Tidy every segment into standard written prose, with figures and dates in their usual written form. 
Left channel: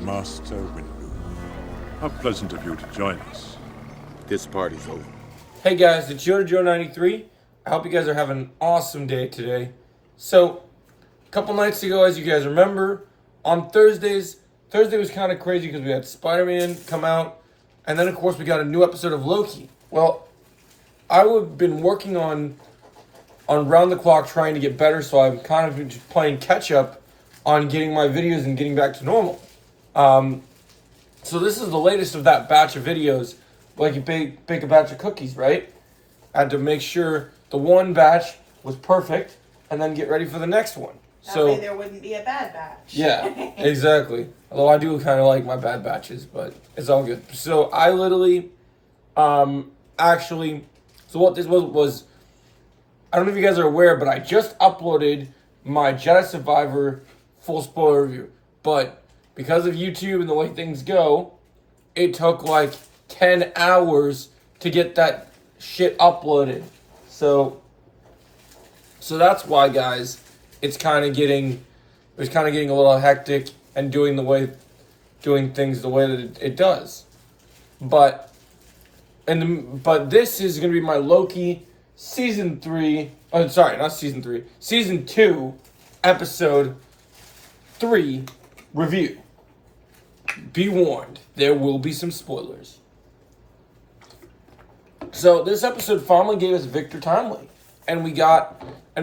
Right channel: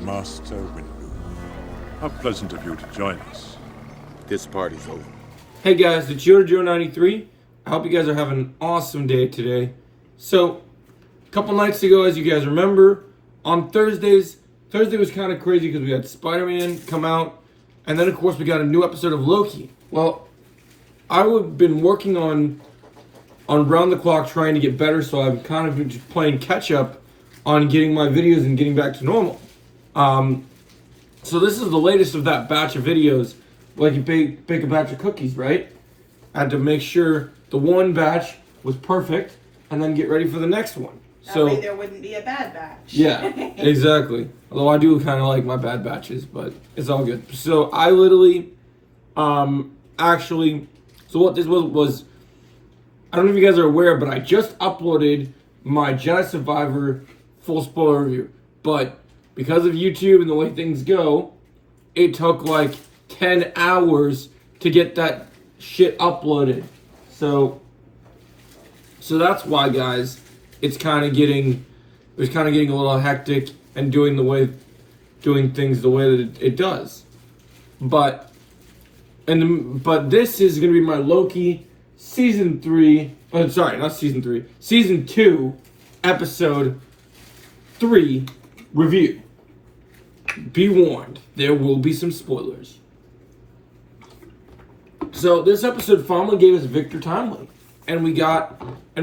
Master Windu. How pleasant of you to join us. This party's over. Hey guys, it's Joe93. I hope you guys are having an awesome day today. So, a couple nights ago, as you guys remember, on Thursday was kind of crazy because we had Spider-Man come out, and then of course we got a new episode of Loki. Well, I've been working on round the clock trying to get better, so I'm kind of just playing catch up on getting my videos and getting back to normal. So this is the latest of that batch of videos. Like you bake a batch of cookies, right? I had to make sure the one batch was perfect and then get ready for the next one. That way there wouldn't be a bad batch. Yeah, exactly. Although I do kind of like my bad batches, but it's all good. So I literally, so what this was, I don't know if you guys are aware, but I just uploaded my Jedi Survivor full spoiler review. But because of YouTube and the way things go, it took like 10 hours to get that shit uploaded. So that's why, guys, it was kind of getting a little hectic and doing things the way that it does. But this is going to be my Loki season 2, episode 3 review. Be warned, there will be some spoilers. So this episode finally gave us Victor Timely. And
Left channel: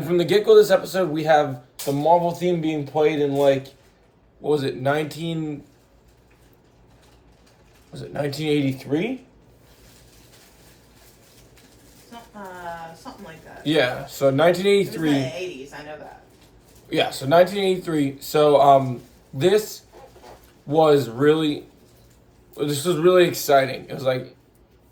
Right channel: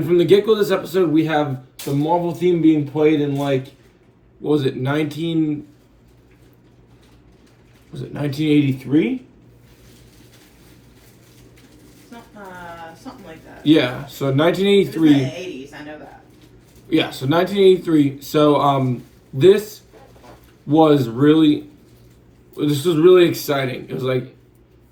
from the get-go of this episode, we have the Marvel theme being played in 1983? Something like that. Yeah, so 1983. In the 80s, I know that. Yeah, so 1983. So this was really exciting. It was like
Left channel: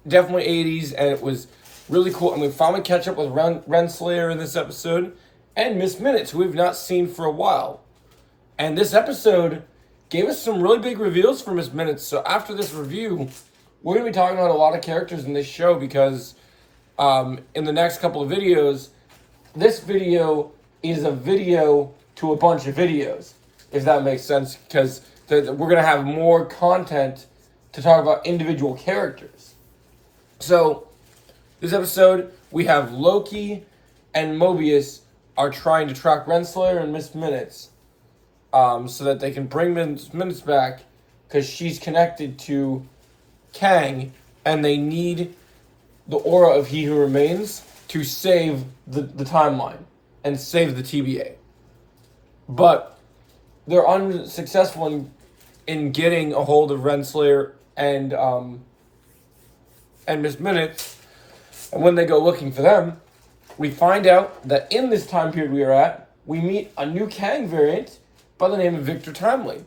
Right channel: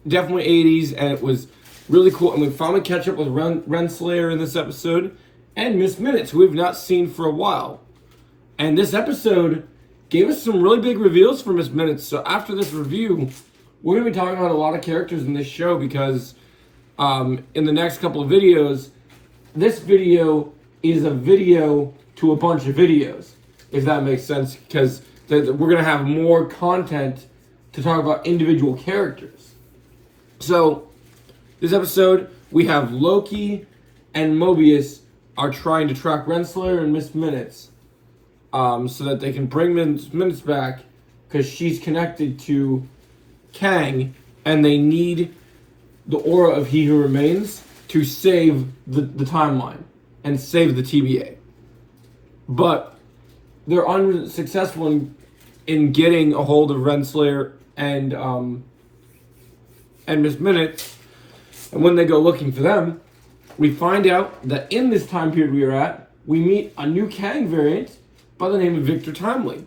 definitely 80s, and it was really cool. And we finally catch up with Renslayer in this episode and Miss Minutes, who we've not seen for a while. And this episode gave us some really big reveals for Miss Minutes. So after this review, we're going to be talking about a lot of characters in this show because in the next couple of videos, this video is a video to a bunch of videos, if that makes sense, because we're going to have more content to talk about individual characters. So, this episode, we have Loki and Mobius are trying to track Renslayer and Miss Minutes so that they can bring Miss Minutes back because she's connected to Kang and they need the aura of He Who Remains to save the timeline and save the TBA. But they're unsuccessful in getting a hold of Renslayer and Miss Minutes. And when they go looking for them, we find out that in this time period we are at, we meet a new Kang variant by the name of Victor Timely,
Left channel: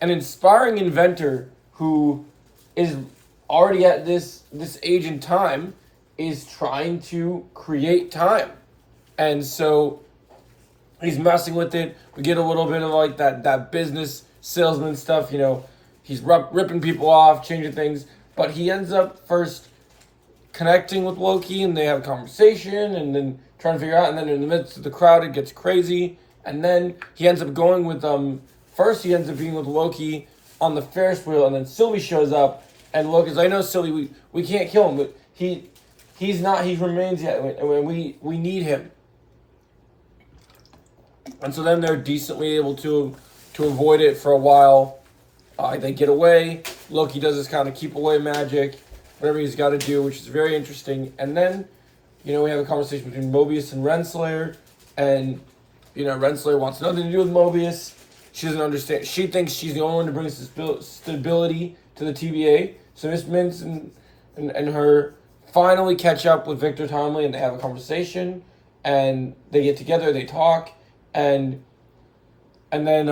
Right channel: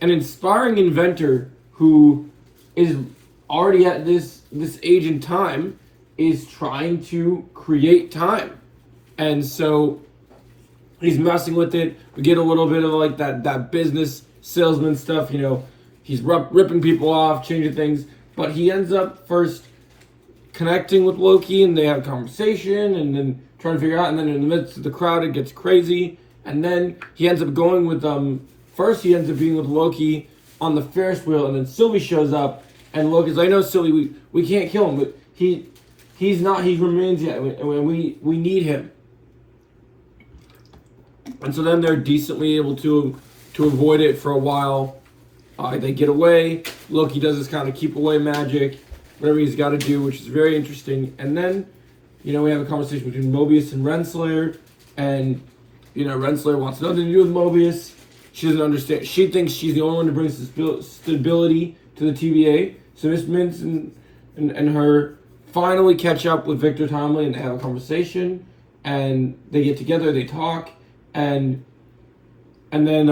an inspiring inventor who is already at this age in time, is trying to create time. And so he's messing with it. We get a little bit of like that business salesman stuff, he's ripping people off, changing things, but he ends up first connecting with Loki and they have a conversation and then trying to figure out, and then in the midst of the crowd it gets crazy, and then he ends up going with first he ends up being with Loki on the Ferris wheel, and then Sylvie shows up and Loki's like, no, Sylvie, we can't kill him, but he remains yet, and we need him. And so then they're decently able to avoid it for a while. They get away. Loki does this kind of keep away magic, whatever he's got to do, which is very interesting. And then, we have a conversation between Mobius and Renslayer, and Renslayer wants nothing to do with Mobius. She doesn't understand. She thinks she's the only one to bring stability to the TVA. So Miss Mints and her finally catch up with Victor Timely, and they have a conversation, and they get together, they talk, and then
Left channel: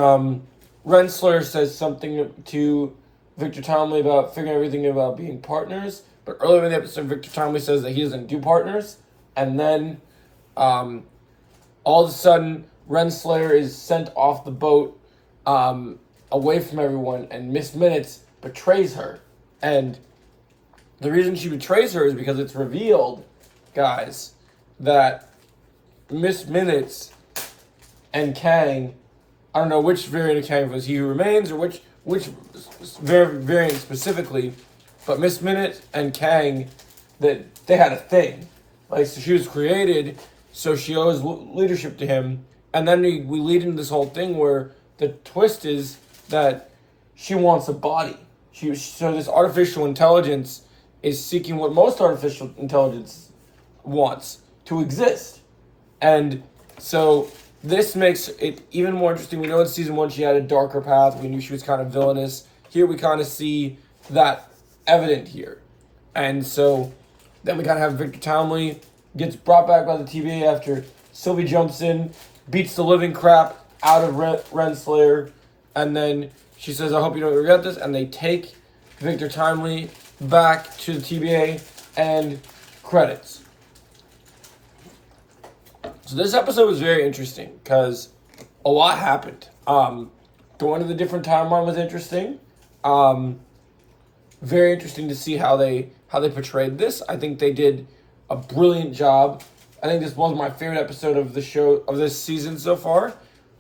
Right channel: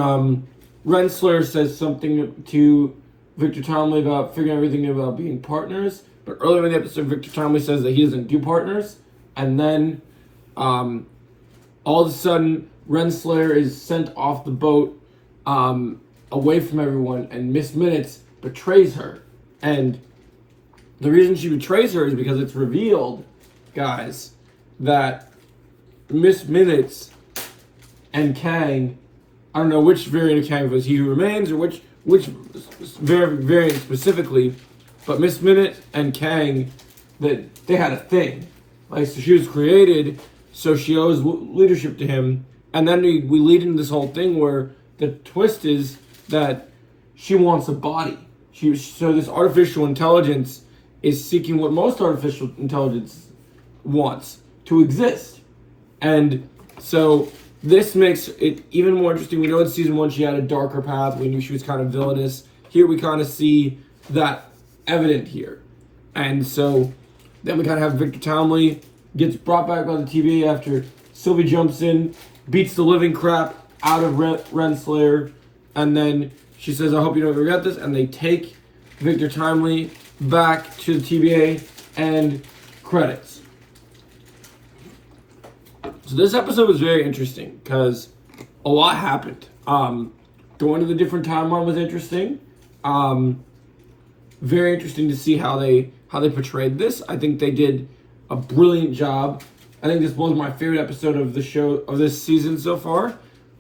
Renslayer says something to Victor Timely about figuring everything about being partners. But earlier in the episode, Victor Timely says that he doesn't do partners. And then all of a sudden, Renslayer is sent off the boat away from everyone, and Miss Minutes betrays her. And the reason she betrays her is because it's revealed, guys, that Miss Minutes and Kang, I don't know which variant of Kang it was, He Who Remains, or which which very, very specifically, but Miss Minute and Kang, that they had a thing. Like, so she was created, so she owes leadership to him. And then we lead into this whole thing where the twist is that she wants a body. So this artificial intelligence is seeking what most artificial intelligence wants, to exist. And so this makes it even more interesting. We know in season 1 she had a darker path. We knew she was kind of villainous. Here we kind of see that evident here. And so then we kind of have Victor Townley gets brought back by the TVA after Sylvie jumps in, beats the living crap out of Renslayer, and then she says, I hope you don't regret this, and they take Victor Timely back to the TVA, and credits. So this episode was very interesting because a lot happened. Going to the different timeline was interesting. Very interesting to see how they portrayed this. I think they did a brilliant job. I think this was my favorite episode of the show, of this season so far.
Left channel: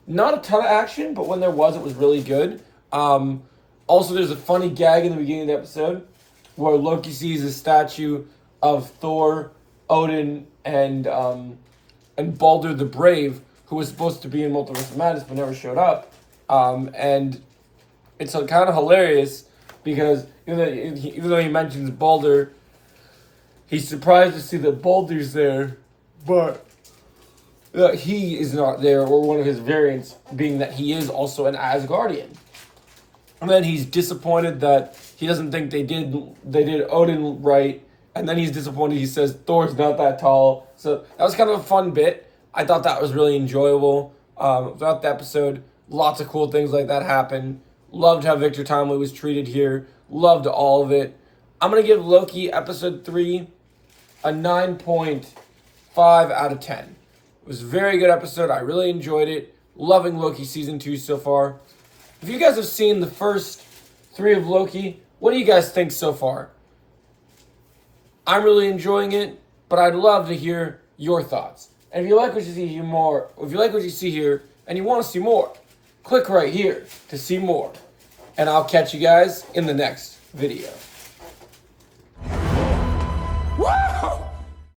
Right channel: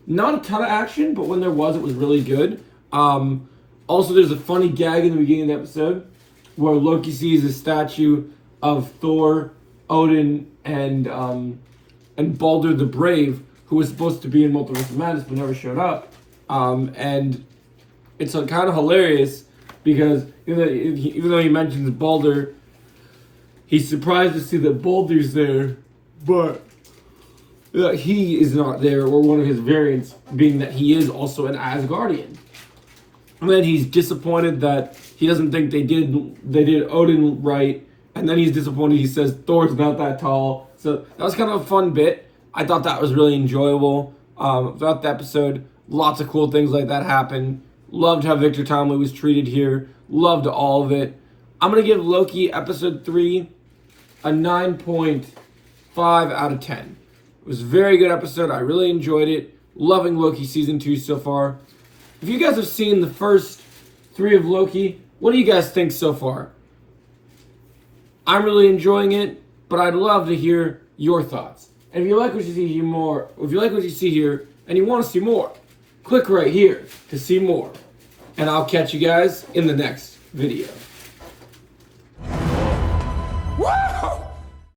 Not a ton of action, but when there was, it was really good. Also, there's a funny gag in the beginning of the episode where Loki sees a statue of Thor, Odin, and Baldur the Brave, who was supposed to be in Multiverse of Madness but never showed up. And it's kind of hilarious because even though he mentions Baldur, he's surprised to see that Baldur's there, but he is not there, or one of his variants being that he is also an Asgardian. And then he's disappointed that he doesn't think they did Odin right, and then he's disappointed he says Thor's not that tall. So that was kind of a fun bit. I thought that was really enjoyable. Throughout the episode, lots of cool things like that happened. Loved how Victor Timely was treated here. Loved all of it. I'm going to give Loki episode 3 a 9.5 out of 10. It was a very good episode. I really enjoyed it. Loving Loki season 2 so far. If you guys have seen the first 3 of Loki, what do you guys think so far? I'm really enjoying it, but I'd love to hear your thoughts. And if you like what you see here more, if you like what you see here and you want to see more, click right here to see more. And I'll catch you guys in the next video. Whoa!